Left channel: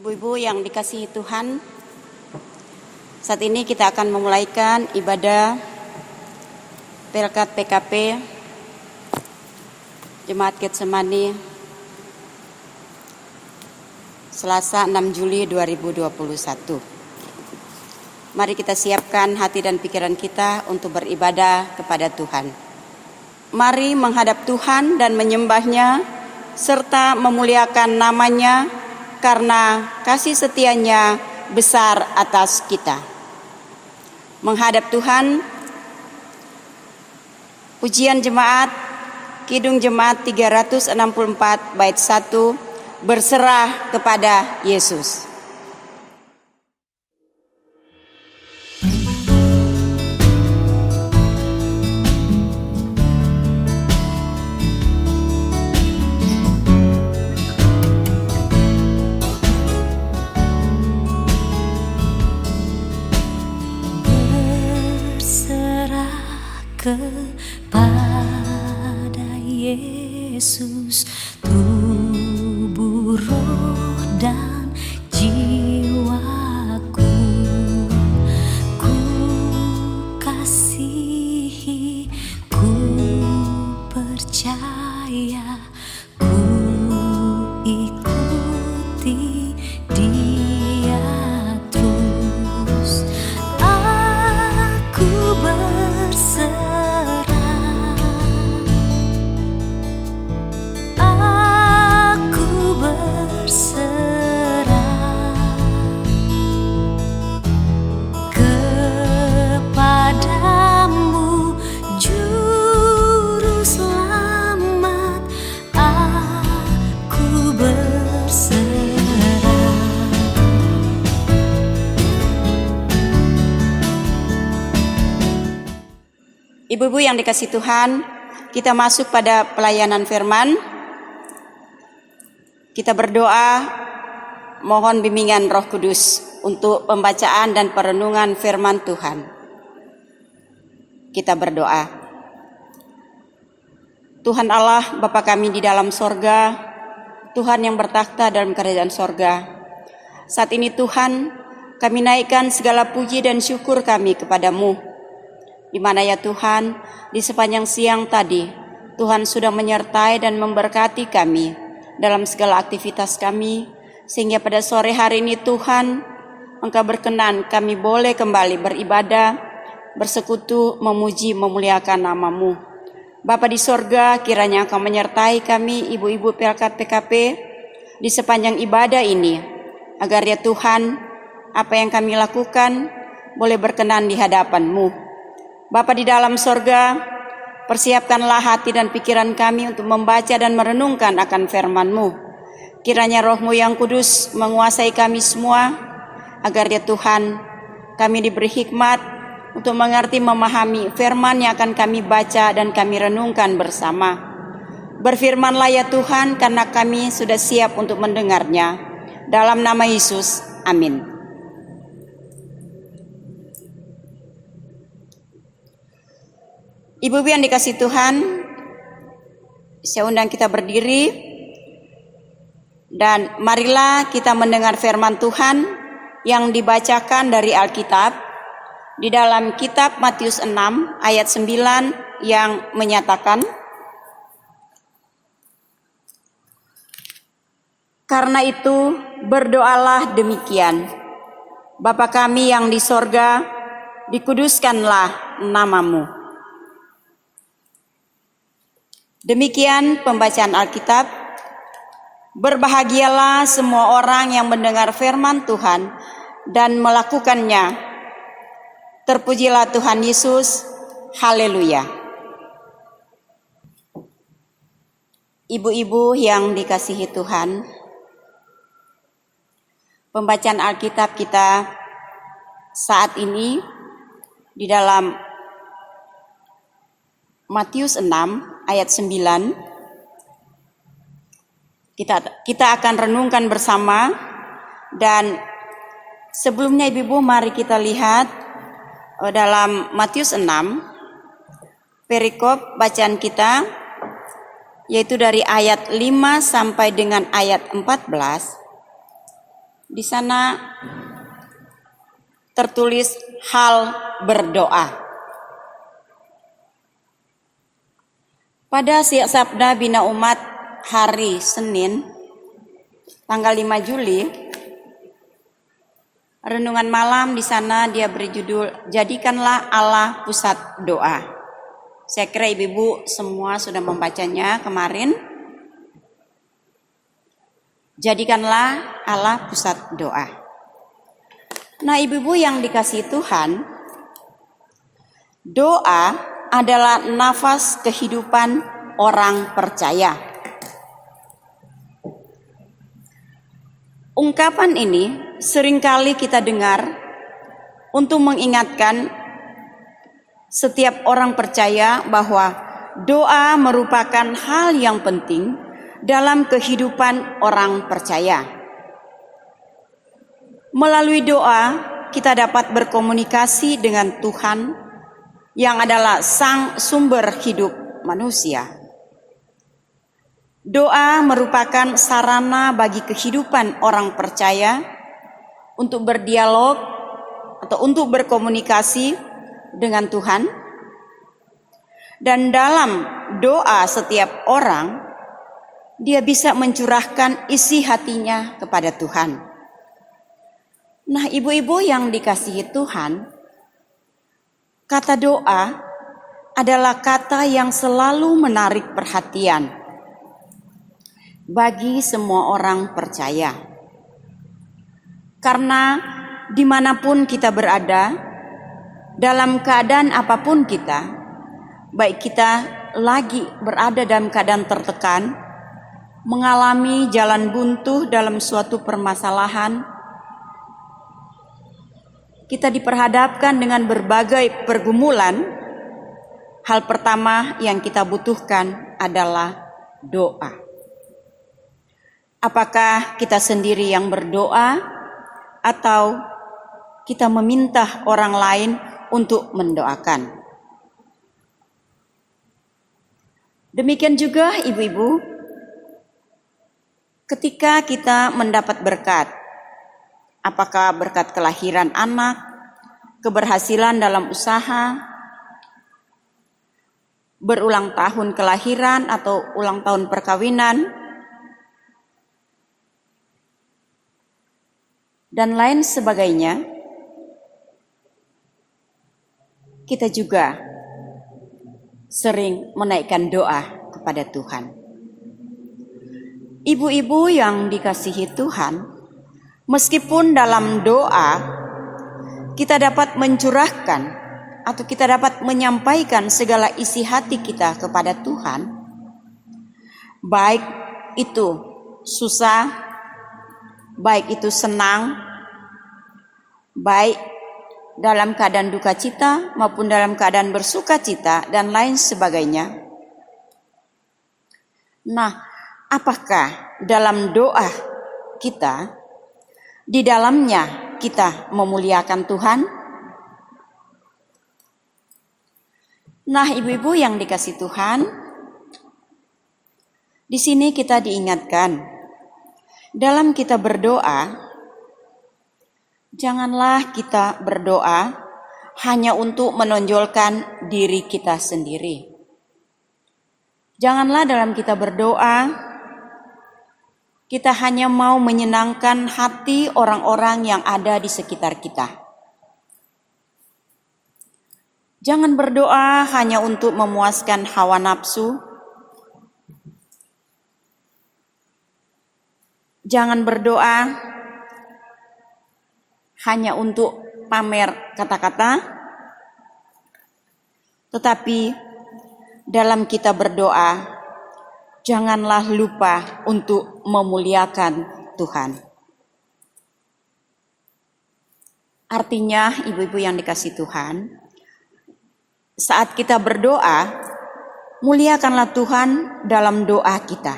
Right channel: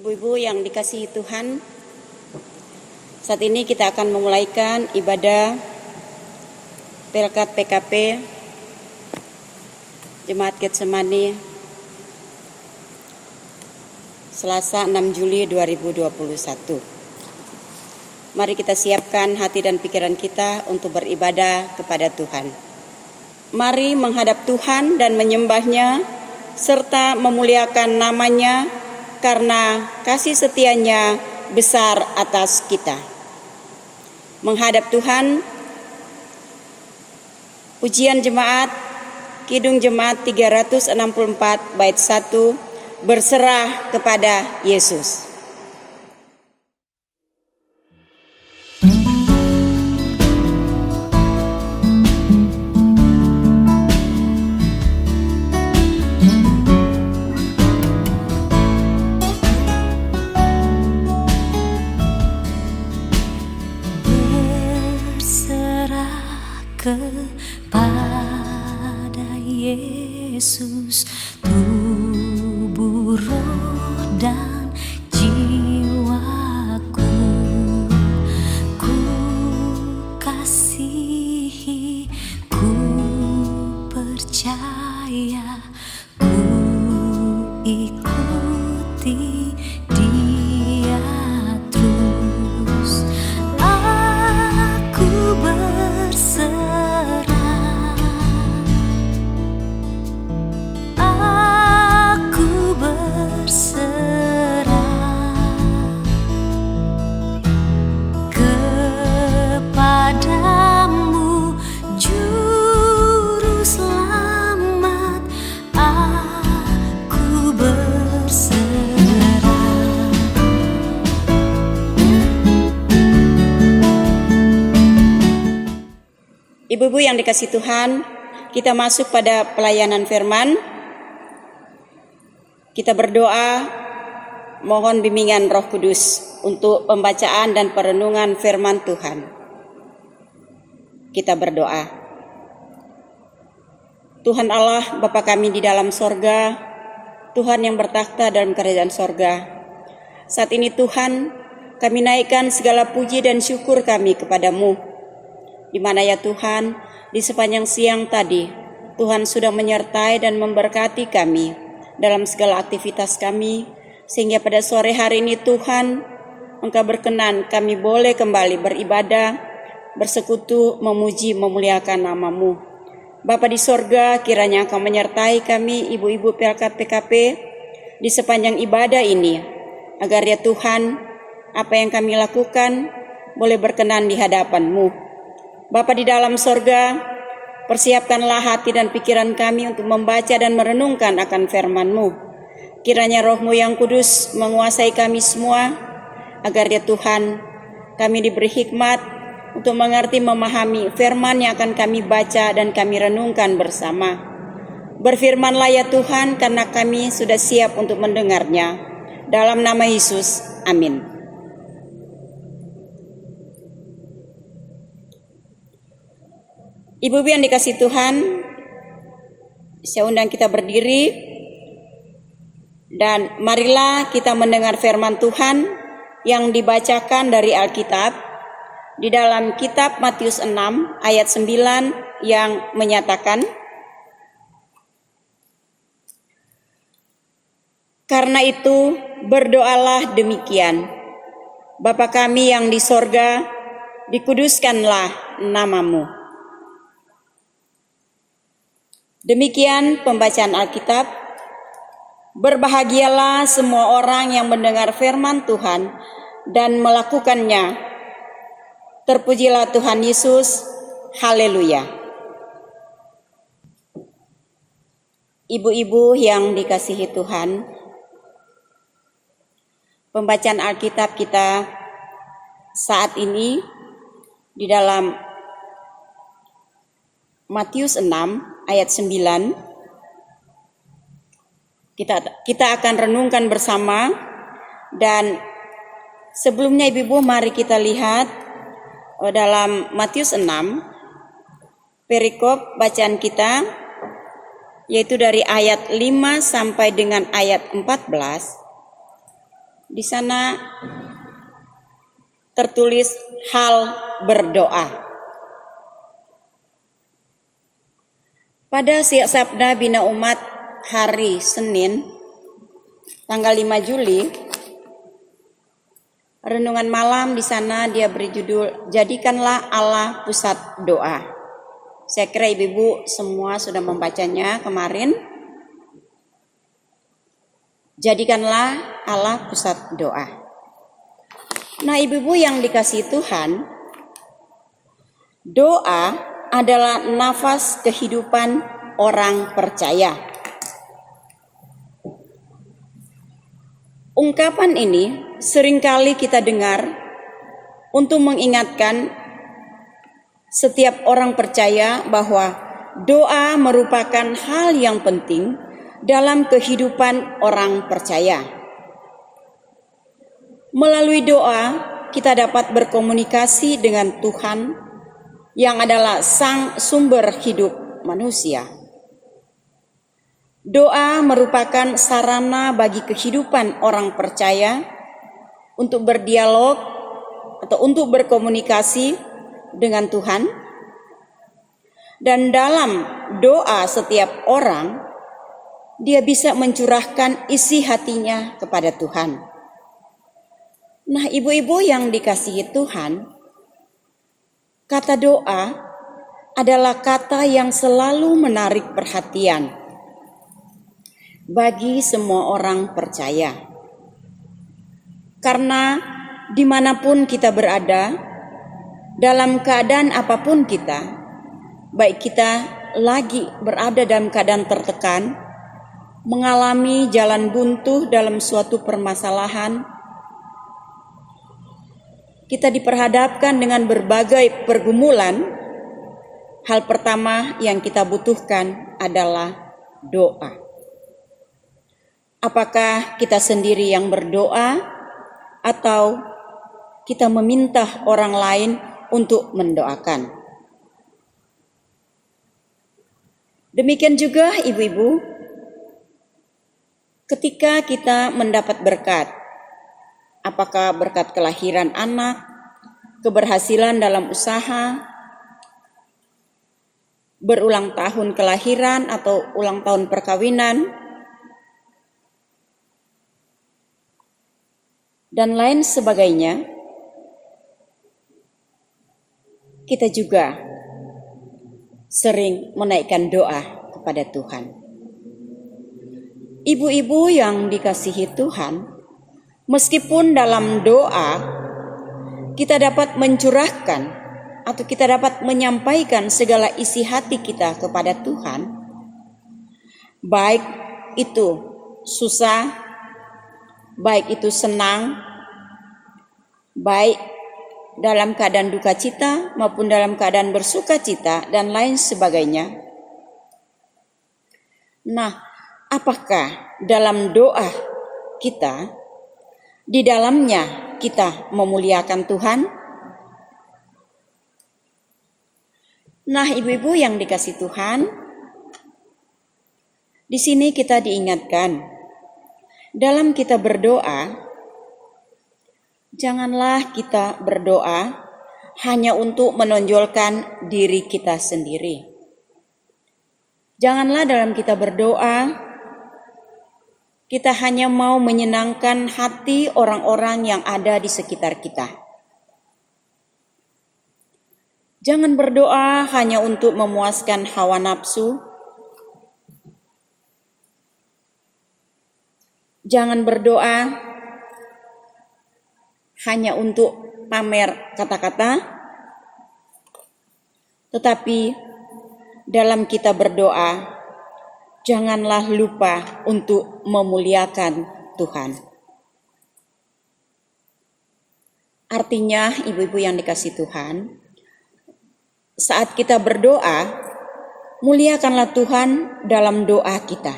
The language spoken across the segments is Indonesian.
Ibu-ibu yang dikasihi Tuhan, saat ini kita akan memulaikan ibadah Pelkat PKP Jemaat Getsemani Selasa 6 Juli 2021. Mari kita siapkan hati dan pikiran kita untuk beribadah kepada Tuhan. Mari menghadap Tuhan dan menyembah-Nya serta memuliakan nama-Nya karena kasih setia-Nya besar atas kita. Menghadap Tuhan, pujian jemaat, Kidung Jemaat 364 bait 1, berserah kepada Yesus. Kepada Yesus, tubuh, roh, dan jiwaku, ku kasihi, ku percaya, ku ikuti Dia terus. Aku berserah, aku berserah kepadamu, Juru Selamat. Aku berserah. Ibu-ibu yang dikasihi Tuhan, kita masuk pada pelayanan firman. Kita berdoa, mohon bimbingan Roh Kudus untuk pembacaan dan perenungan firman Tuhan. Kita berdoa. Tuhan Allah, Bapa kami di dalam sorga, Tuhan yang bertakhta dalam kerajaan sorga. Saat ini Tuhan, kami naikkan segala puji dan syukur kami kepadamu. Di mana ya Tuhan, di sepanjang siang tadi, Tuhan sudah menyertai dan memberkati kami dalam segala aktivitas kami, sehingga pada sore hari ini Tuhan, Engkau berkenan kami boleh kembali beribadah, bersekutu, memuji, memuliakan nama-Mu. Bapa di sorga, kiranya Engkau menyertai kami, ibu-ibu Pelkat PKP, di sepanjang ibadah ini, agar ya Tuhan, apa yang kami lakukan boleh berkenan di hadapan-Mu. Bapa di dalam sorga, persiapkanlah hati dan pikiran kami untuk membaca dan merenungkan akan firman-Mu. Kiranya Roh-Mu yang kudus menguasai kami semua, agar ya Tuhan, kami diberi hikmat untuk mengerti memahami firman yang akan kami baca dan kami renungkan bersama. Berfirmanlah ya Tuhan, karena kami sudah siap untuk mendengarnya. Dalam nama Yesus, amin. Ibu-ibu yang dikasihi Tuhan, saya undang kita berdiri dan marilah kita mendengar firman Tuhan yang dibacakan dari Alkitab di dalam kitab Matius 6 ayat 9 yang menyatakan, karena itu berdoalah demikian, Bapa kami yang di sorga, dikuduskanlah nama-Mu. Demikian pembacaan Alkitab. Berbahagialah semua orang yang mendengar firman Tuhan dan melakukannya. Terpujilah Tuhan Yesus. Haleluya. Ibu-ibu yang dikasihi Tuhan, pembacaan Alkitab kita saat ini di dalam Matius 6 ayat 9, kita akan renungkan bersama. Dan sebelumnya ibu-ibu, mari kita lihat dalam Matius 6 perikop bacaan kita, yaitu dari ayat 5 sampai dengan ayat 14. Di sana tertulis hal berdoa. Pada Sabda Bina Umat hari Senin tanggal 5 Juli, renungan malam di sana dia beri judul Jadikanlah Allah Pusat Doa. Saya kira ibu-ibu semua sudah membacanya kemarin. Jadikanlah Allah pusat doa. Nah, ibu-ibu yang dikasihi Tuhan, doa adalah nafas kehidupan orang percaya. Ungkapan ini seringkali kita dengar untuk mengingatkan setiap orang percaya bahwa doa merupakan hal yang penting dalam kehidupan orang percaya. Melalui doa, kita dapat berkomunikasi dengan Tuhan yang adalah sang sumber hidup manusia. Doa merupakan sarana bagi kehidupan orang percaya untuk berdialog atau untuk berkomunikasi dengan Tuhan. Dan dalam doa setiap orang, dia bisa mencurahkan isi hatinya kepada Tuhan. Nah, ibu-ibu yang dikasihi Tuhan, kata doa adalah kata yang selalu menarik perhatian bagi semua orang percaya. Karena dimanapun kita berada, dalam keadaan apapun kita, baik kita lagi berada dalam keadaan tertekan, mengalami jalan buntu dalam suatu permasalahan, kita diperhadapkan dengan berbagai pergumulan, hal pertama yang kita butuhkan adalah doa. Apakah kita sendiri yang berdoa atau kita meminta orang lain untuk mendoakan? Demikian juga ibu-ibu, ketika kita mendapat berkat, apakah berkat kelahiran anak, keberhasilan dalam usaha, berulang tahun kelahiran atau ulang tahun perkawinan, dan lain sebagainya, kita juga sering menaikkan doa kepada Tuhan. Ibu-ibu yang dikasihi Tuhan, meskipun dalam doa kita dapat mencurahkan atau kita dapat menyampaikan segala isi hati kita kepada Tuhan, baik itu susah, baik itu senang, baik dalam keadaan duka cita maupun dalam keadaan bersuka cita dan lain sebagainya. Nah, apakah dalam doa kita, di dalamnya kita memuliakan Tuhan? Nah, ibu-ibu yang dikasihi Tuhan, di sini kita diingatkan, dalam kita berdoa, janganlah kita berdoa hanya untuk menonjolkan diri kita sendiri. Janganlah dalam kita berdoa, kita hanya mau menyenangkan hati orang-orang yang ada di sekitar kita. Jangan berdoa hanya untuk memuaskan hawa nafsu. Jangan berdoa hanya untuk pamer kata-kata. Tetapi dalam kita berdoa, janganlah lupa untuk memuliakan Tuhan. Artinya, ibu-ibu yang dikasihi Tuhan, saat kita berdoa, muliakanlah Tuhan dalam doa kita.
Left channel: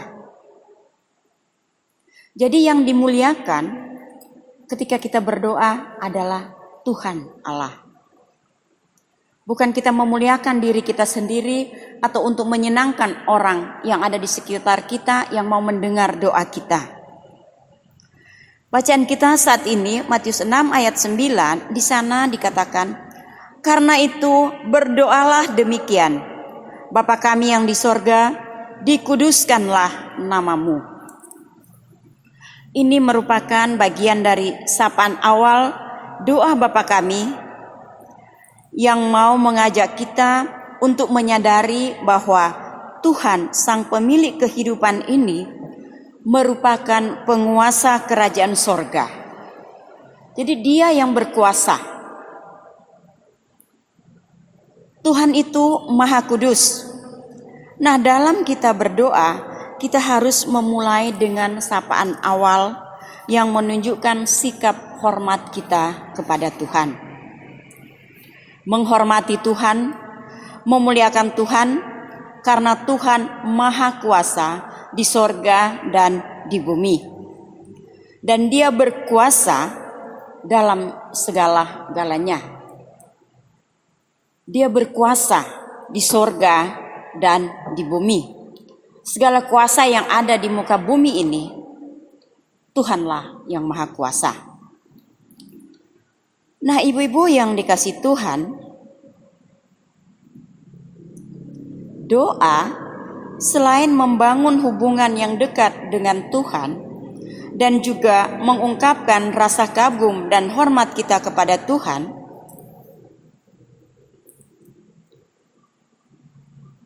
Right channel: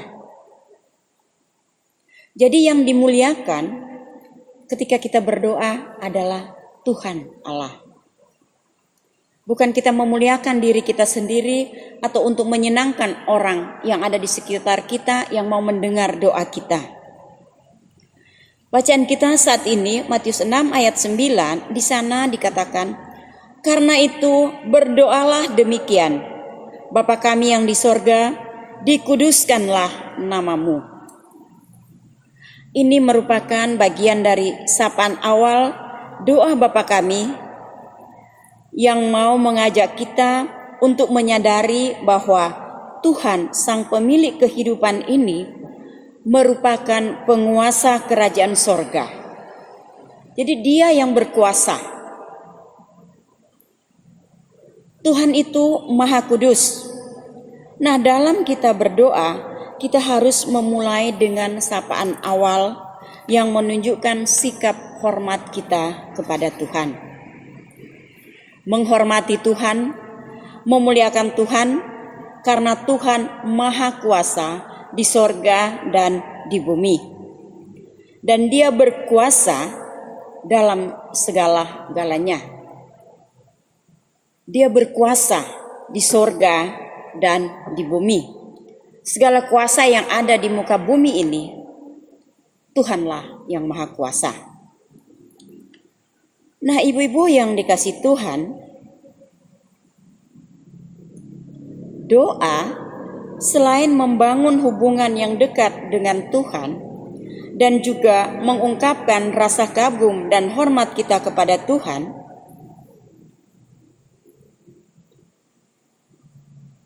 Jadi yang dimuliakan ketika kita berdoa adalah Tuhan Allah. Bukan kita memuliakan diri kita sendiri atau untuk menyenangkan orang yang ada di sekitar kita yang mau mendengar doa kita. Bacaan kita saat ini Matius 6 ayat 9, di sana dikatakan, "Karena itu berdoalah demikian, Bapa kami yang di sorga, dikuduskanlah namamu." Ini merupakan bagian dari sapaan awal doa Bapa kami yang mau mengajak kita untuk menyadari bahwa Tuhan sang pemilik kehidupan ini merupakan penguasa kerajaan sorga. Jadi dia yang berkuasa. Tuhan itu Maha Kudus. Nah, dalam kita berdoa, kita harus memulai dengan sapaan awal yang menunjukkan sikap hormat kita kepada Tuhan. Menghormati Tuhan, memuliakan Tuhan, karena Tuhan Maha Kuasa di sorga dan di bumi. Dan dia berkuasa dalam segala-galanya. Dia berkuasa di sorga dan di bumi. Segala kuasa yang ada di muka bumi ini, Tuhanlah yang Maha Kuasa. Nah, ibu-ibu yang dikasih Tuhan, doa selain membangun hubungan yang dekat dengan Tuhan dan juga mengungkapkan rasa kagum dan hormat kita kepada Tuhan,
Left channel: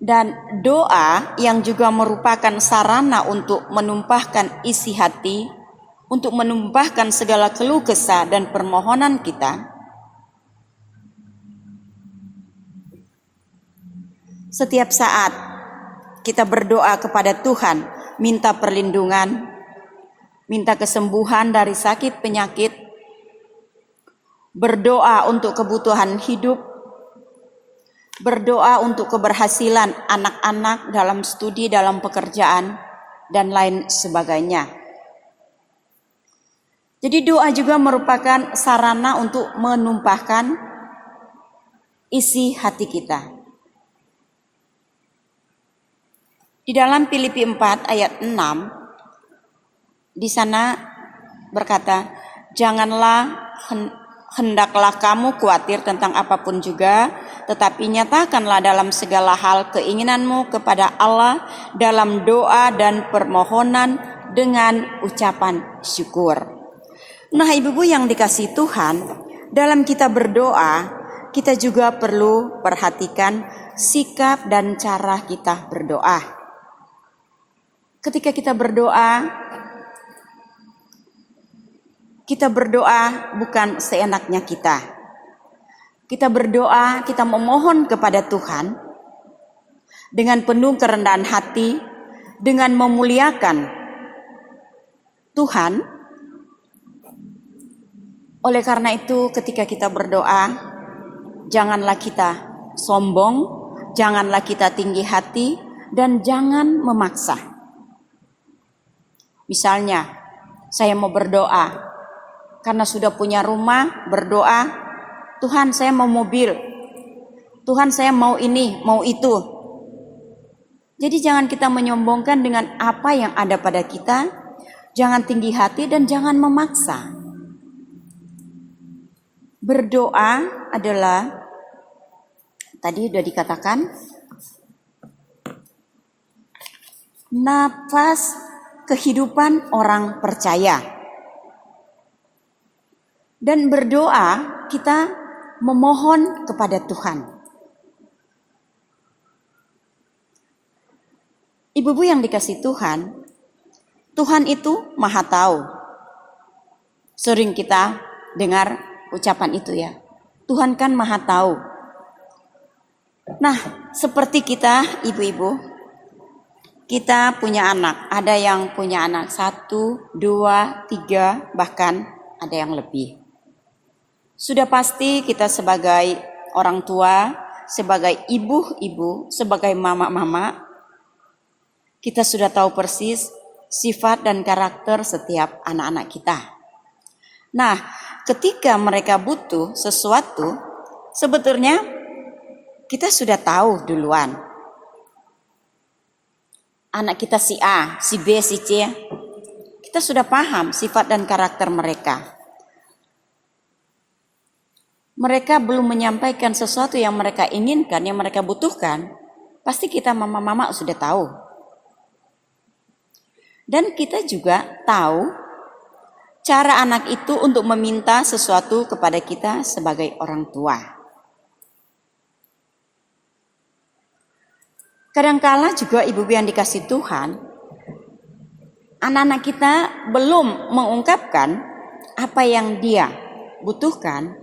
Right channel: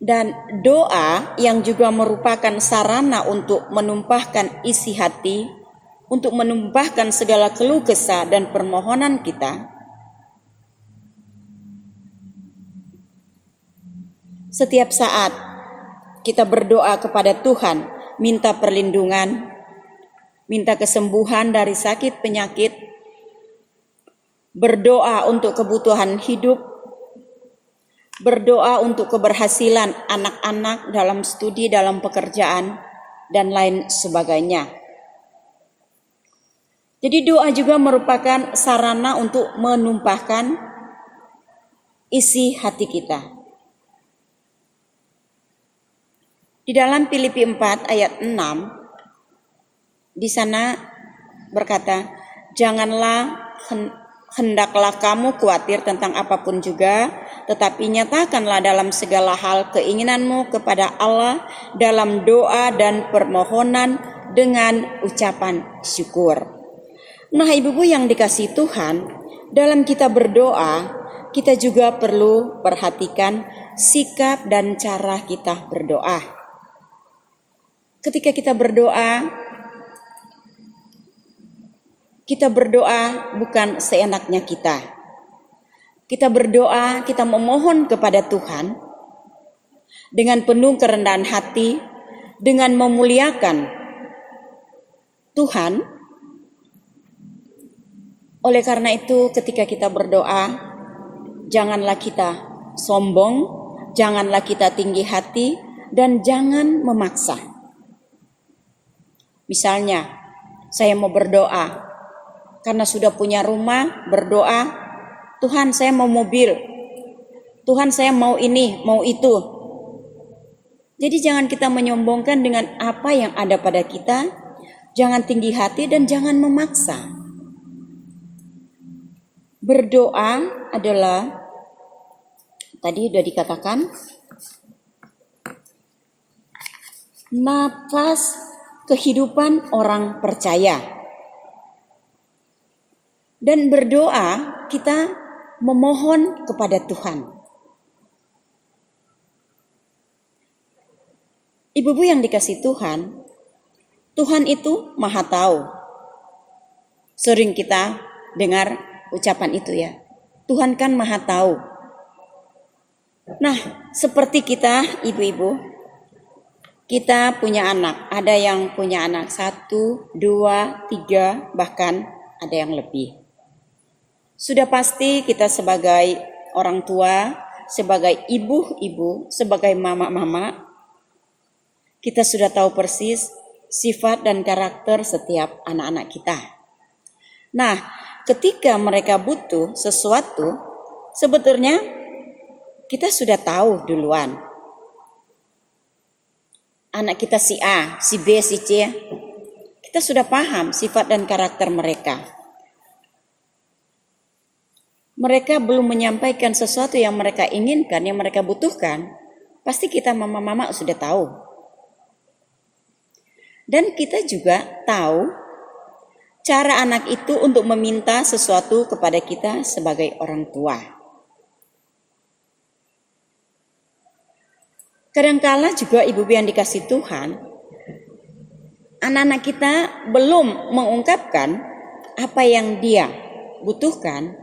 dan doa yang juga merupakan sarana untuk menumpahkan isi hati, untuk menumpahkan segala keluh kesah dan permohonan kita. Setiap saat kita berdoa kepada Tuhan, minta perlindungan, minta kesembuhan dari sakit penyakit, berdoa untuk kebutuhan hidup, berdoa untuk keberhasilan anak-anak dalam studi, dalam pekerjaan, dan lain sebagainya. Jadi doa juga merupakan sarana untuk menumpahkan isi hati kita. Di dalam Filipi 4 ayat 6, di sana berkata, "Janganlah hendaklah kamu khawatir tentang apapun juga, tetapi nyatakanlah dalam segala hal keinginanmu kepada Allah dalam doa dan permohonan dengan ucapan syukur." Nah, ibu-ibu yang dikasihi Tuhan, dalam kita berdoa, kita juga perlu perhatikan sikap dan cara kita berdoa. Ketika kita berdoa bukan seenaknya kita. Kita berdoa, kita memohon kepada Tuhan dengan penuh kerendahan hati, dengan memuliakan Tuhan. Oleh karena itu, ketika kita berdoa, janganlah kita sombong, janganlah kita tinggi hati, dan jangan memaksa. Misalnya, saya mau berdoa karena sudah punya rumah, berdoa, "Tuhan, saya mau mobil. Tuhan, saya mau ini, mau itu." Jadi jangan kita menyombongkan dengan apa yang ada pada kita, jangan tinggi hati dan jangan memaksa. Berdoa adalah, tadi sudah dikatakan, nafas kehidupan orang percaya. Dan berdoa kita memohon kepada Tuhan. Ibu-ibu yang dikasih Tuhan, Tuhan itu Maha Tahu. Sering kita dengar ucapan itu ya. Tuhan kan Maha Tahu. Nah, seperti kita ibu-ibu, kita punya anak, ada yang punya anak 1, 2, 3, bahkan ada yang lebih. Sudah pasti kita sebagai orang tua, sebagai ibu-ibu, sebagai mama-mama, kita sudah tahu persis sifat dan karakter setiap anak-anak kita. Nah, ketika mereka butuh sesuatu, sebetulnya kita sudah tahu duluan. Anak kita si A, si B, si C, kita sudah paham sifat dan karakter mereka. Mereka belum menyampaikan sesuatu yang mereka inginkan, yang mereka butuhkan, pasti kita mama-mama sudah tahu. Dan kita juga tahu cara anak itu untuk meminta sesuatu kepada kita sebagai orang tua. Kadangkala juga ibu-ibu yang dikasih Tuhan, anak-anak kita belum mengungkapkan apa yang dia butuhkan,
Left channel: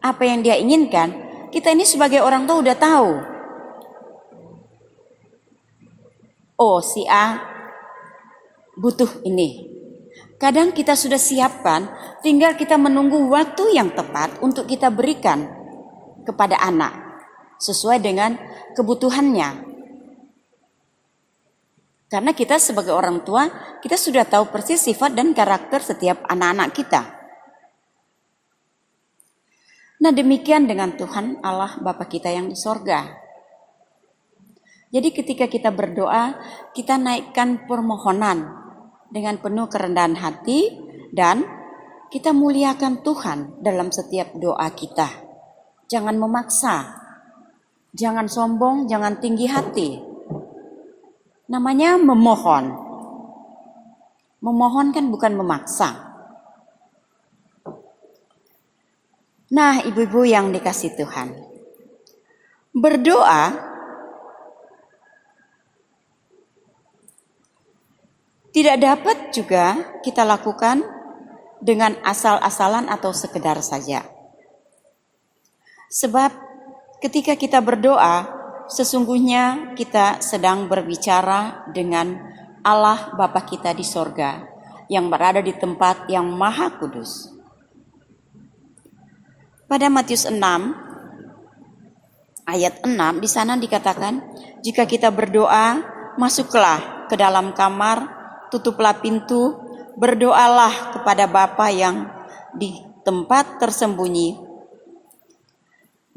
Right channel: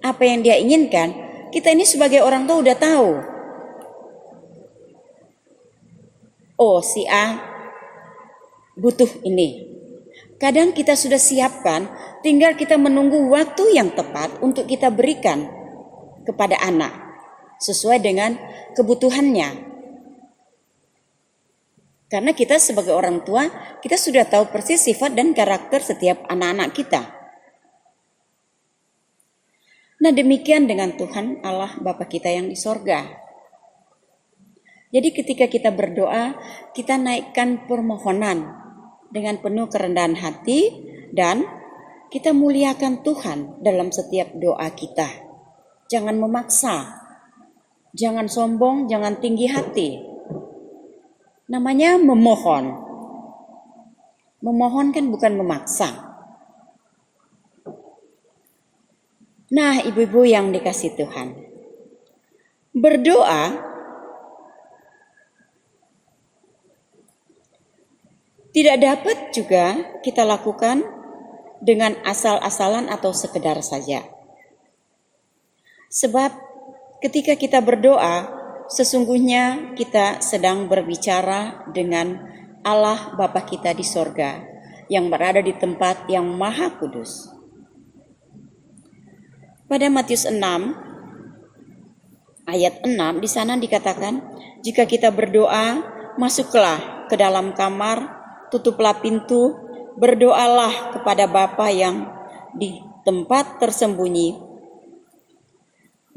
apa yang dia inginkan. Kita ini sebagai orang tua udah tahu. Oh, si A butuh ini. Kadang kita sudah siapkan, tinggal kita menunggu waktu yang tepat untuk kita berikan kepada anak sesuai dengan kebutuhannya. Karena kita sebagai orang tua, kita sudah tahu persis sifat dan karakter setiap anak-anak kita. Nah, demikian dengan Tuhan Allah Bapa kita yang di sorga. Jadi ketika kita berdoa, kita naikkan permohonan dengan penuh kerendahan hati dan kita muliakan Tuhan dalam setiap doa kita. Jangan memaksa, jangan sombong, jangan tinggi hati. Namanya memohon. Memohon kan bukan memaksa. Nah, ibu-ibu yang dikasih Tuhan, berdoa tidak dapat juga kita lakukan dengan asal-asalan atau sekedar saja. Sebab ketika kita berdoa, sesungguhnya kita sedang berbicara dengan Allah Bapa kita di sorga yang berada di tempat yang maha kudus. Pada Matius 6 ayat 6 di sana dikatakan, jika kita berdoa, masuklah ke dalam kamar, tutuplah pintu, berdoalah kepada Bapa yang di tempat tersembunyi.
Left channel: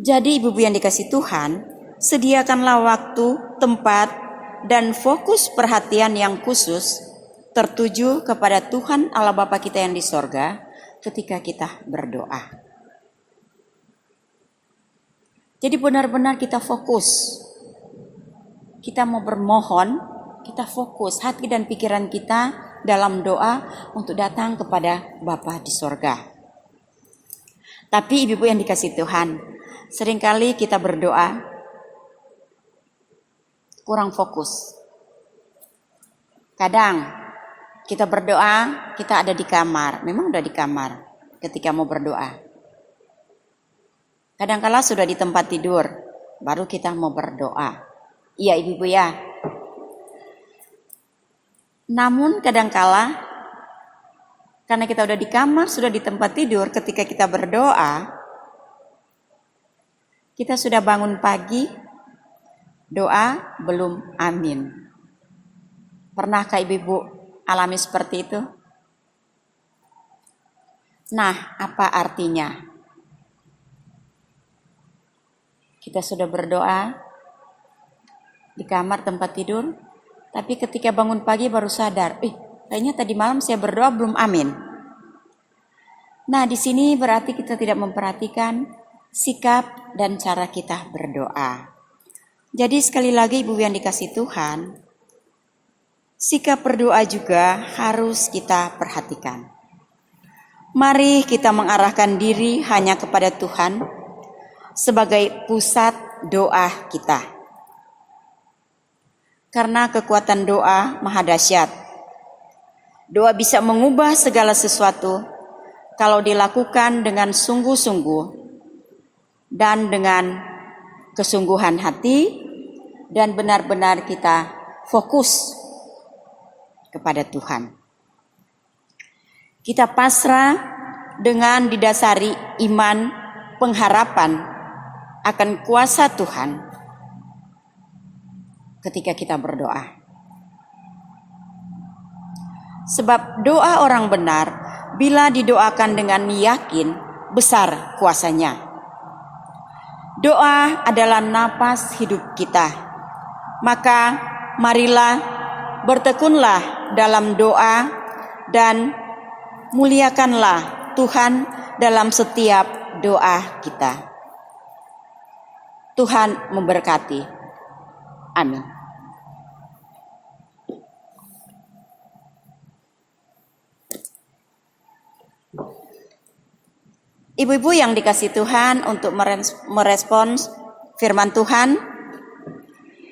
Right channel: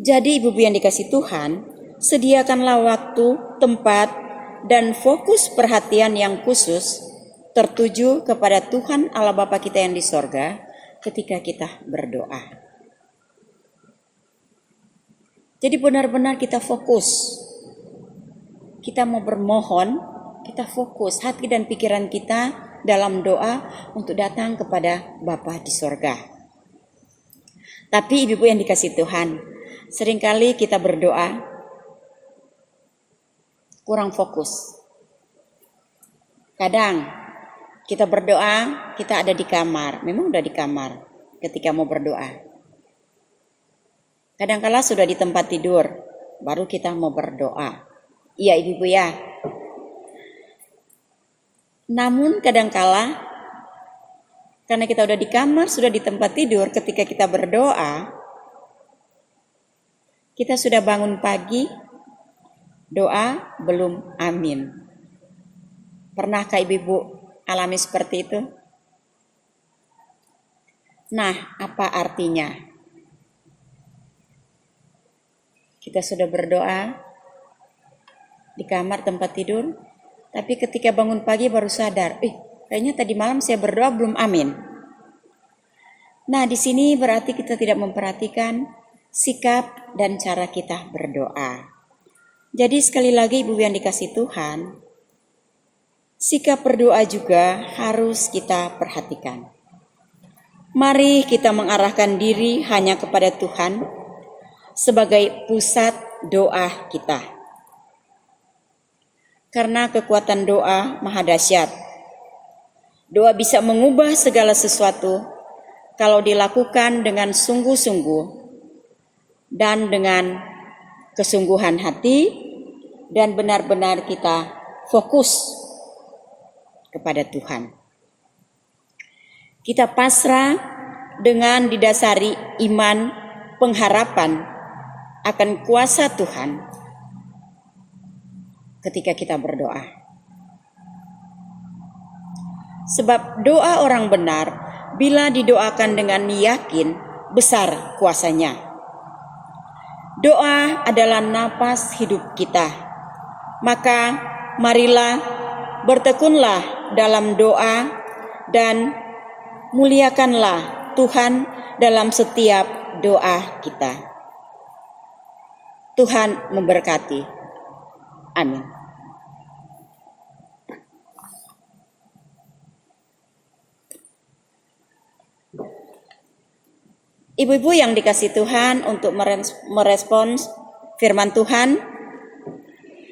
Jadi ibu-ibu yang dikasih Tuhan, sediakanlah waktu, tempat, dan fokus perhatian yang khusus tertuju kepada Tuhan Allah Bapa kita yang di sorga ketika kita berdoa. Jadi benar-benar kita fokus. Kita mau bermohon, kita fokus hati dan pikiran kita dalam doa untuk datang kepada Bapa di sorga. Tapi ibu-ibu yang dikasih Tuhan, seringkali kita berdoa kurang fokus. Kadang kita berdoa, kita ada di kamar, memang udah di kamar ketika mau berdoa. Kadang-kala sudah di tempat tidur, baru kita mau berdoa. Iya ibu-ibu ya. Namun kadang-kala karena kita udah di kamar, sudah di tempat tidur, ketika kita berdoa, kita sudah bangun pagi, doa belum amin. Pernahkah ibu-ibu alami seperti itu? Nah, apa artinya? Kita sudah berdoa di kamar tempat tidur, tapi ketika bangun pagi baru sadar, kayaknya tadi malam saya berdoa belum amin. Nah, di sini berarti kita tidak memperhatikan sikap dan cara kita berdoa. Jadi sekali lagi ibu yang dikasih Tuhan, sikap berdoa juga harus kita perhatikan. Mari kita mengarahkan diri hanya kepada Tuhan sebagai pusat doa kita. Karena kekuatan doa maha dahsyat. Doa bisa mengubah segala sesuatu kalau dilakukan dengan sungguh-sungguh dan dengan kesungguhan hati dan benar-benar kita fokus kepada Tuhan. Kita pasrah dengan didasari iman, pengharapan akan kuasa Tuhan ketika kita berdoa. Sebab doa orang benar bila didoakan dengan yakin besar kuasanya. Doa adalah napas hidup kita. Maka marilah bertekunlah dalam doa dan muliakanlah Tuhan dalam setiap doa kita. Tuhan memberkati. Amin. Ibu-ibu yang dikasihi Tuhan, untuk merespons firman Tuhan,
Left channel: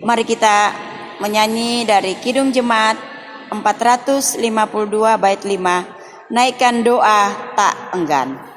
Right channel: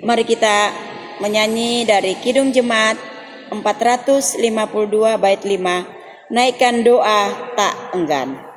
mari kita menyanyi dari Kidung Jemaat 452 bait 5, naikkan doa tak enggan.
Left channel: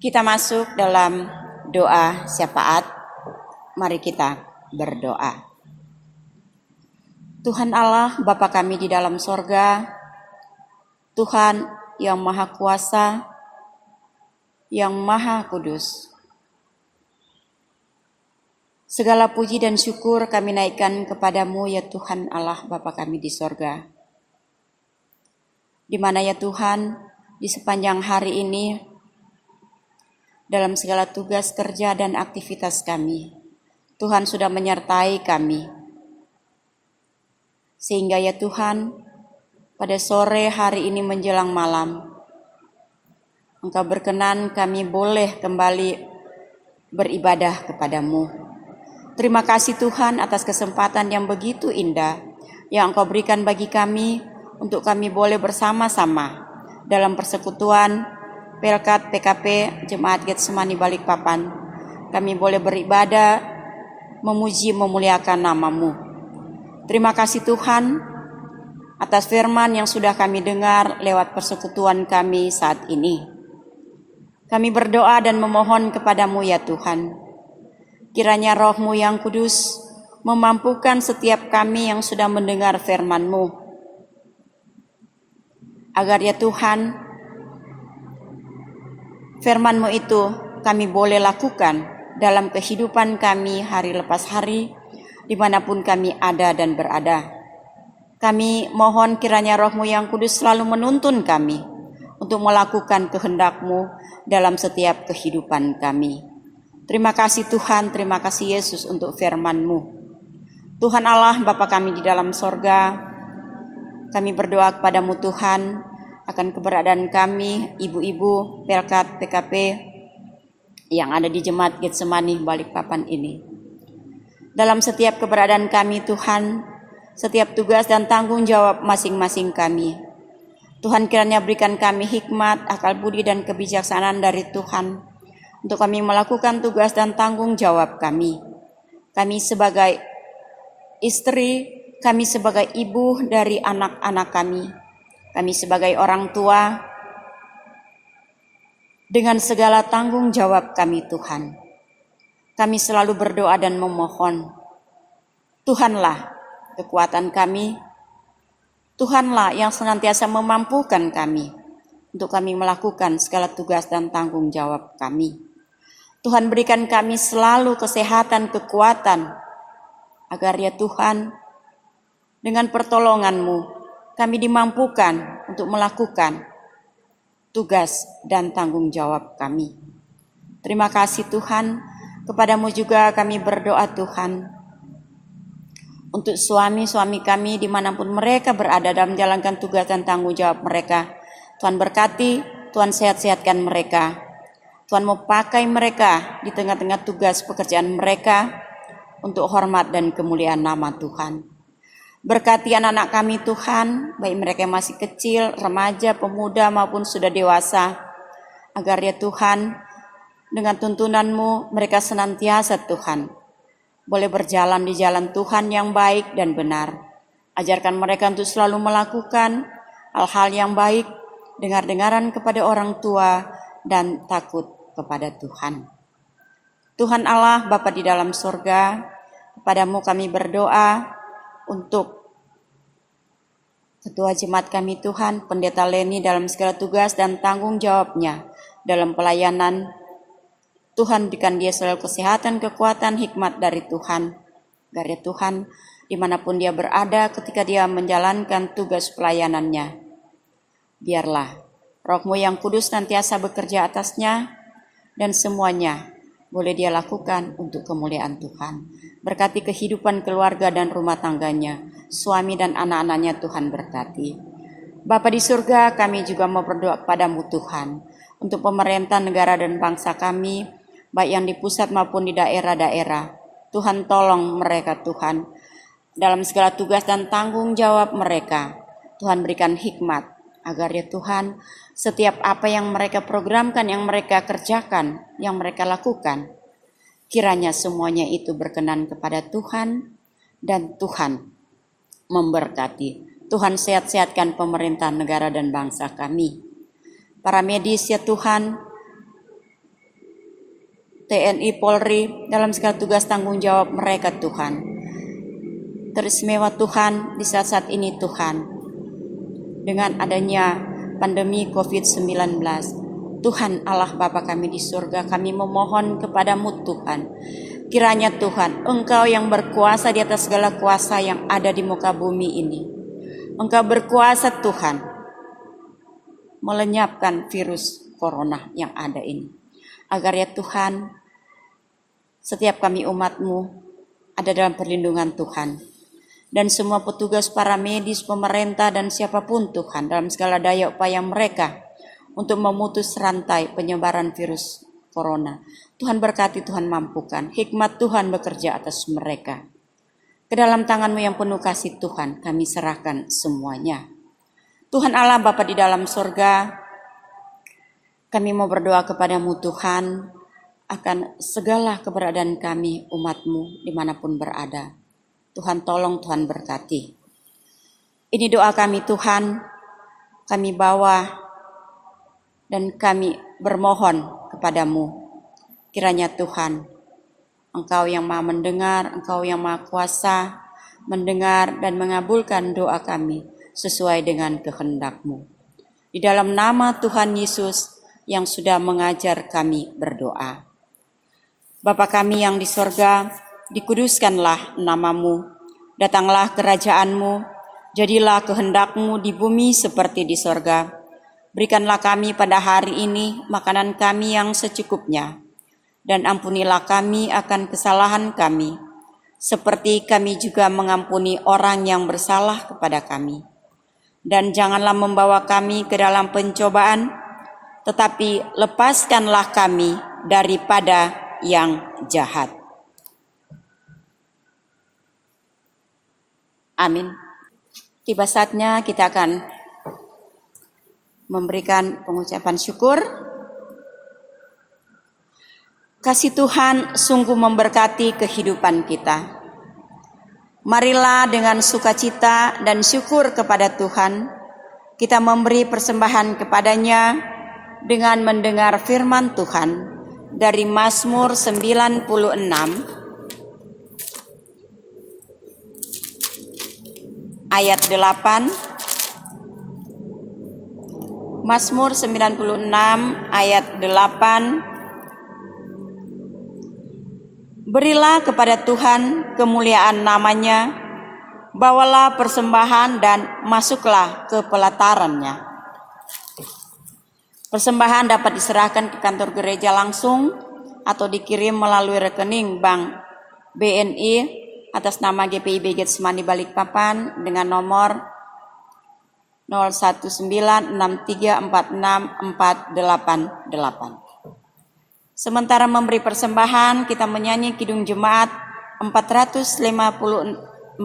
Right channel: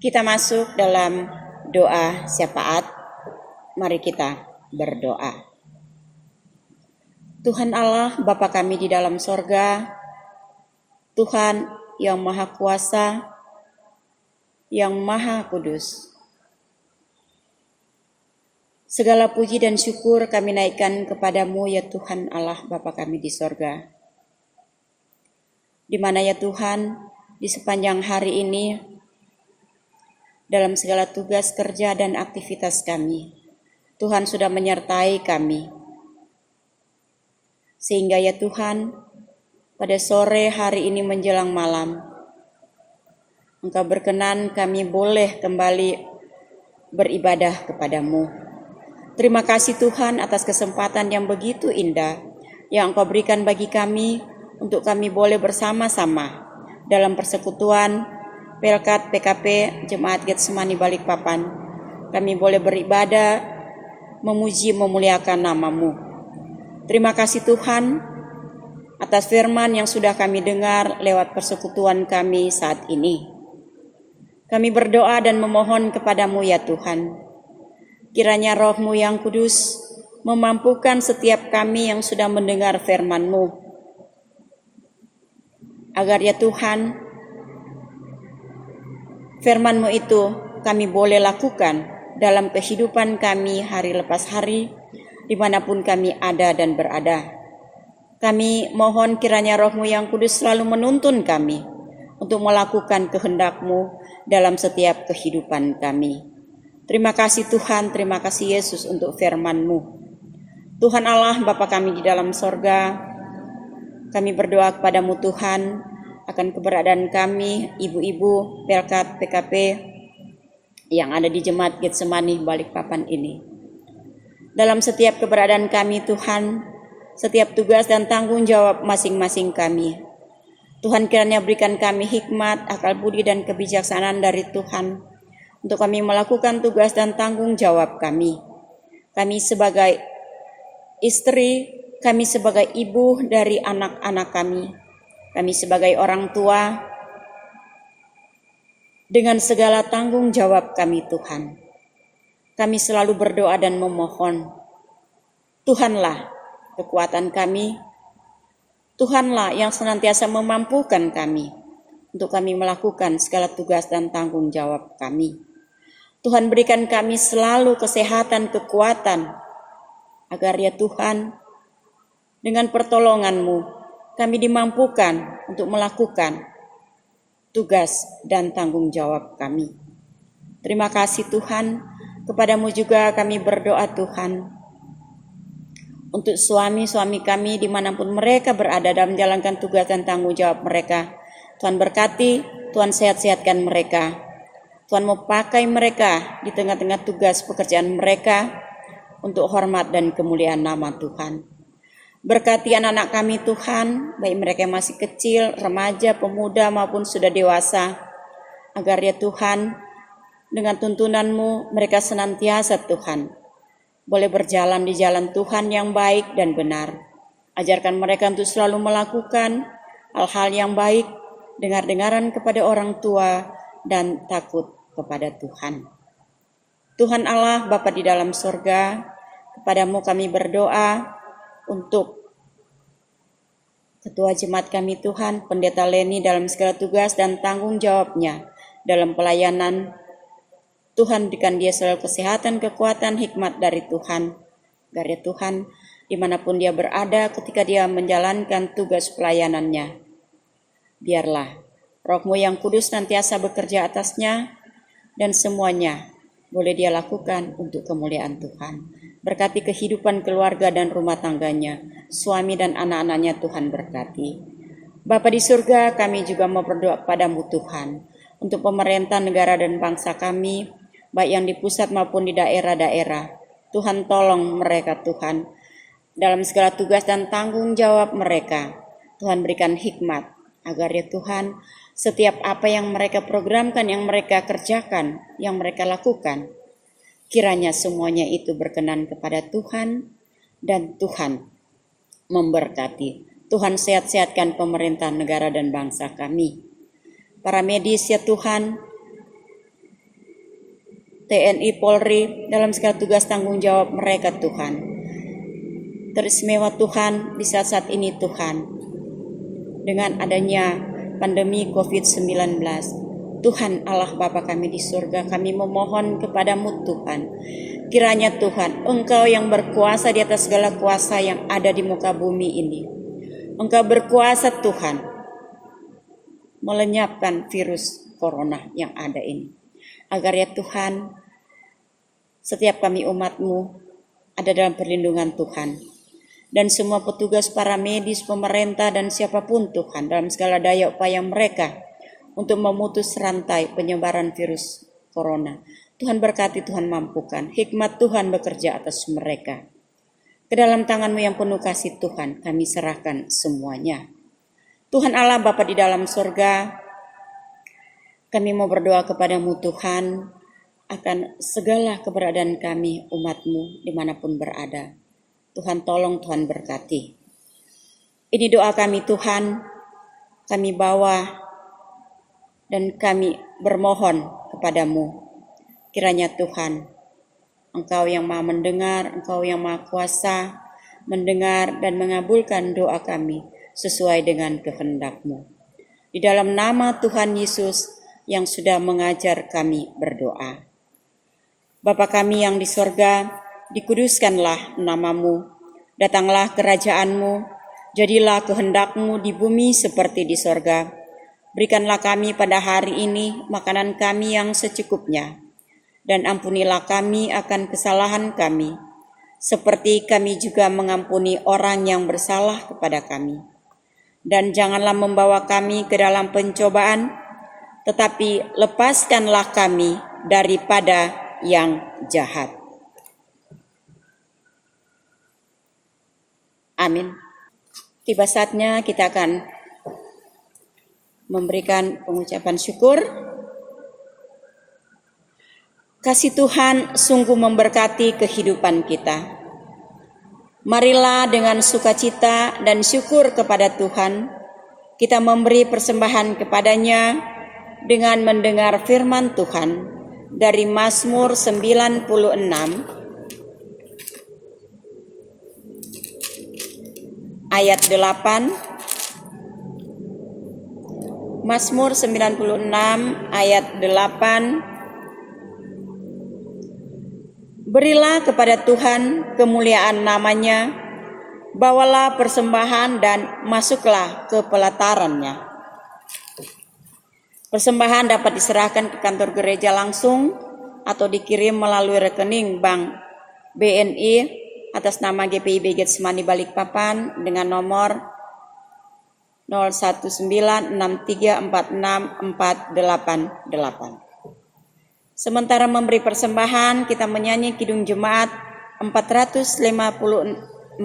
Kita masuk dalam doa syafaat. Mari kita berdoa. Tuhan Allah, Bapa kami di dalam sorga, Tuhan yang Maha Kuasa, yang Maha Kudus, segala puji dan syukur kami naikkan kepadamu ya Tuhan Allah Bapa kami di sorga. Di mana ya Tuhan, di sepanjang hari ini, dalam segala tugas kerja dan aktivitas kami, Tuhan sudah menyertai kami. Sehingga ya Tuhan, pada sore hari ini menjelang malam, Engkau berkenan kami boleh kembali beribadah kepadamu. Terima kasih Tuhan atas kesempatan yang begitu indah yang Engkau berikan bagi kami untuk kami boleh bersama-sama dalam persekutuan Pelkat PKP Jemaat Getsemani Balikpapan. Kami boleh beribadah, memuji, memuliakan nama-Mu. Terima kasih Tuhan atas firman yang sudah kami dengar lewat persekutuan kami saat ini. Kami berdoa dan memohon kepadamu ya Tuhan. Kiranya Roh-Mu yang kudus memampukan setiap kami yang sudah mendengar firman-Mu. Agar ya Tuhan, firman-Mu itu kami boleh lakukan dalam kehidupan kami hari lepas hari, dimanapun kami ada dan berada. Kami mohon kiranya Roh-Mu yang kudus selalu menuntun kami untuk melakukan kehendak-Mu dalam setiap kehidupan kami. Terima kasih Tuhan, terima kasih Yesus untuk firman-Mu. Tuhan Allah Bapa kami di dalam sorga, kami berdoa kepadamu Tuhan, akan keberadaan kami, ibu-ibu Pelkat PKP yang ada di Jemaat Getsemani Balikpapan ini. Dalam setiap keberadaan kami Tuhan, setiap tugas dan tanggung jawab masing-masing kami, Tuhan kiranya berikan kami hikmat, akal budi dan kebijaksanaan dari Tuhan untuk kami melakukan tugas dan tanggung jawab kami. Kami sebagai istri, kami sebagai ibu dari anak-anak kami sebagai orang tua, dengan segala tanggung jawab kami Tuhan. Kami selalu berdoa dan memohon, Tuhanlah kekuatan kami, Tuhanlah yang senantiasa memampukan kami untuk kami melakukan segala tugas dan tanggung jawab kami. Tuhan berikan kami selalu kesehatan, kekuatan, agar ya Tuhan, dengan pertolongan-Mu, kami dimampukan untuk melakukan tugas dan tanggung jawab kami. Terima kasih Tuhan, kepadamu juga kami berdoa Tuhan, untuk suami-suami kami dimanapun mereka berada dalam menjalankan tugas dan tanggung jawab mereka. Tuhan berkati, Tuhan sehat-sehatkan mereka. Tuhan mau pakai mereka di tengah-tengah tugas pekerjaan mereka untuk hormat dan kemuliaan nama Tuhan. Berkati anak-anak kami Tuhan, baik mereka yang masih kecil, remaja, pemuda maupun sudah dewasa, agar ya Tuhan, dengan tuntunan-Mu mereka senantiasa Tuhan boleh berjalan di jalan Tuhan yang baik dan benar. Ajarkan mereka untuk selalu melakukan hal-hal yang baik dengar-dengaran kepada orang tua, dan takut kepada Tuhan. Tuhan Allah Bapa di dalam sorga, kepadamu kami berdoa untuk Ketua Jemaat kami Tuhan, Pendeta Leni dalam segala tugas dan tanggung jawabnya dalam pelayanan. Tuhan berikan dia selalu kesehatan, kekuatan, hikmat dari Tuhan. Agar ya Tuhan, dimanapun dia berada ketika dia menjalankan tugas pelayanannya, biarlah Roh-Mu yang kudus nantiasa bekerja atasnya dan semuanya boleh dia lakukan untuk kemuliaan Tuhan. Berkati kehidupan keluarga dan rumah tangganya, suami dan anak-anaknya Tuhan berkati. Bapa di surga, kami juga mau berdoa padamu Tuhan, untuk pemerintah negara dan bangsa kami, baik yang di pusat maupun di daerah-daerah. Tuhan tolong mereka Tuhan, dalam segala tugas dan tanggung jawab mereka. Tuhan berikan hikmat, agar ya Tuhan, setiap apa yang mereka programkan, yang mereka kerjakan, yang mereka lakukan, kiranya semuanya itu berkenan kepada Tuhan dan Tuhan memberkati. Tuhan sehat-sehatkan pemerintah negara dan bangsa kami. Para medis ya Tuhan, TNI, Polri, dalam segala tugas tanggung jawab mereka Tuhan. Teristimewa Tuhan di saat-saat ini Tuhan, dengan adanya pandemi COVID-19, Tuhan Allah Bapa kami di surga, kami memohon kepadamu Tuhan, kiranya Tuhan, Engkau yang berkuasa di atas segala kuasa yang ada di muka bumi ini, Engkau berkuasa Tuhan, melenyapkan virus corona yang ada ini. Agar ya Tuhan, setiap kami umat-Mu ada dalam perlindungan Tuhan. Dan semua petugas para medis, pemerintah dan siapapun Tuhan dalam segala daya upaya mereka untuk memutus rantai penyebaran virus corona. Tuhan berkati, Tuhan mampukan. Hikmat Tuhan bekerja atas mereka. Ke dalam tangan-Mu yang penuh kasih Tuhan kami serahkan semuanya. Tuhan Allah Bapa di dalam sorga, kami mau berdoa kepadamu Tuhan akan segala keberadaan kami umat-Mu dimanapun berada. Tuhan tolong, Tuhan berkati. Ini doa kami Tuhan, kami bawa dan kami bermohon kepadamu. Kiranya Tuhan, Engkau yang Maha mendengar, Engkau yang Maha kuasa, mendengar dan mengabulkan doa kami sesuai dengan kehendak-Mu. Di dalam nama Tuhan Yesus yang sudah mengajar kami berdoa. Bapa kami yang di sorga, dikuduskanlah nama-Mu, datanglah kerajaan-Mu, jadilah kehendak-Mu di bumi seperti di sorga. Berikanlah kami pada hari ini makanan kami yang secukupnya, dan ampunilah kami akan kesalahan kami, seperti kami juga mengampuni orang yang bersalah kepada kami. Dan janganlah membawa kami ke dalam pencobaan, tetapi lepaskanlah kami daripada yang jahat. Amin. Tiba saatnya kita akan memberikan pengucapan syukur. Kasih Tuhan sungguh memberkati kehidupan kita. Marilah dengan sukacita dan syukur kepada Tuhan, kita memberi persembahan kepadanya dengan mendengar firman Tuhan dari Mazmur 96 ayat 8. Mazmur 96 ayat 8. Berilah kepada Tuhan kemuliaan namanya, bawalah persembahan dan masuklah ke pelatarannya. Persembahan dapat diserahkan ke kantor gereja langsung atau dikirim melalui rekening bank BNI atas nama GPIB Getsemani Balikpapan dengan nomor 0196346488. Sementara memberi persembahan, kita menyanyi Kidung Jemaat 452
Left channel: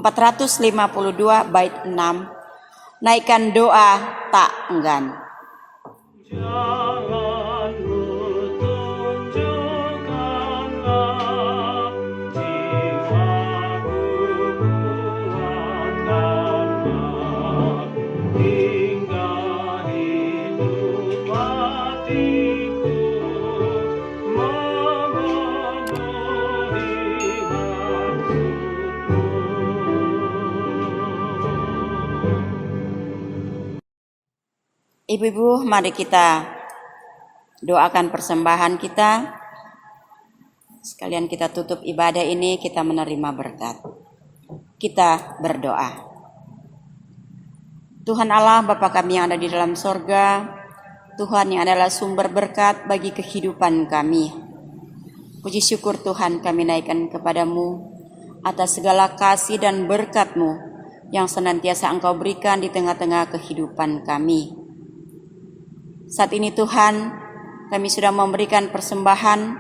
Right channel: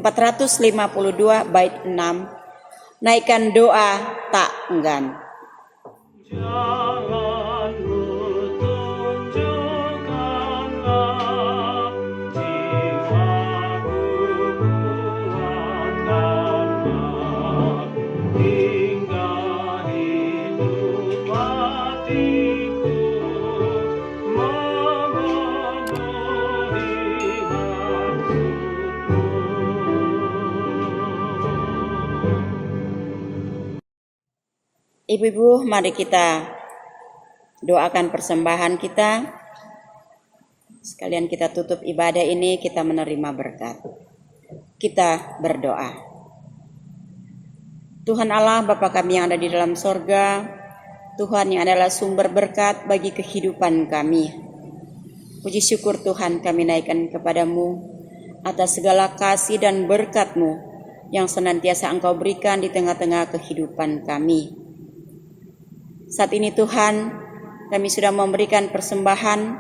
bait 6. Naikkan doa tak enggan. Jangan kutunjukkanlah jiwaku buat karena hingga hidup Ibu-ibu, mari kita doakan persembahan kita. Sekalian kita tutup ibadah ini, kita menerima berkat. Kita berdoa. Tuhan Allah, Bapa kami yang ada di dalam sorga, Tuhan yang adalah sumber berkat bagi kehidupan kami. Puji syukur Tuhan kami naikkan kepadamu atas segala kasih dan berkat-Mu yang senantiasa Engkau berikan di tengah-tengah kehidupan kami. Saat ini Tuhan, kami sudah memberikan persembahan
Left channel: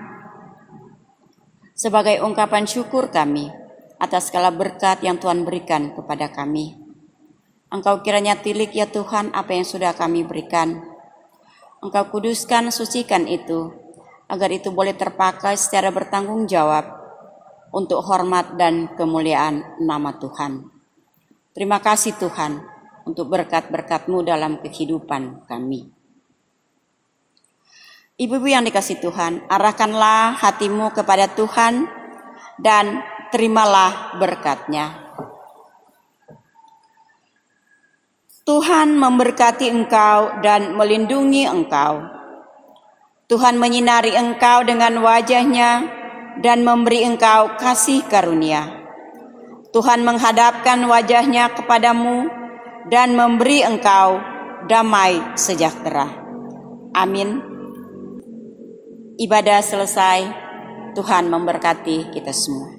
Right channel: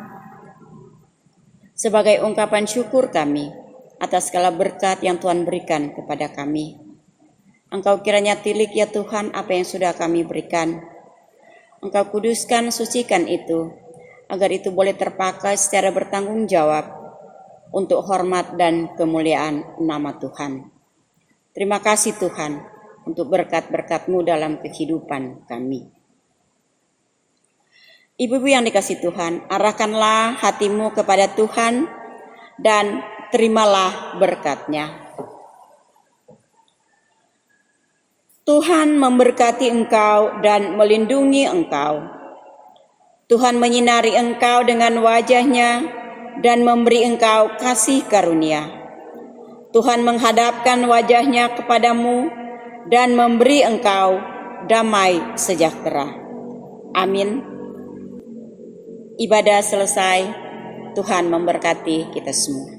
sebagai ungkapan syukur kami atas segala berkat yang Tuhan berikan kepada kami. Engkau kiranya tilik ya Tuhan apa yang sudah kami berikan. Engkau kuduskan, sucikan itu, agar itu boleh terpakai secara bertanggung jawab untuk hormat dan kemuliaan nama Tuhan. Terima kasih Tuhan untuk berkat-berkat-Mu dalam kehidupan kami. Ibu-ibu yang dikasihi Tuhan, arahkanlah hatimu kepada Tuhan dan terimalah berkat-Nya. Tuhan memberkati engkau dan melindungi engkau. Tuhan menyinari engkau dengan wajah-Nya dan memberi engkau kasih karunia. Tuhan menghadapkan wajah-Nya kepadamu dan memberi engkau damai sejahtera. Amin. Ibadah selesai. Tuhan memberkati kita semua.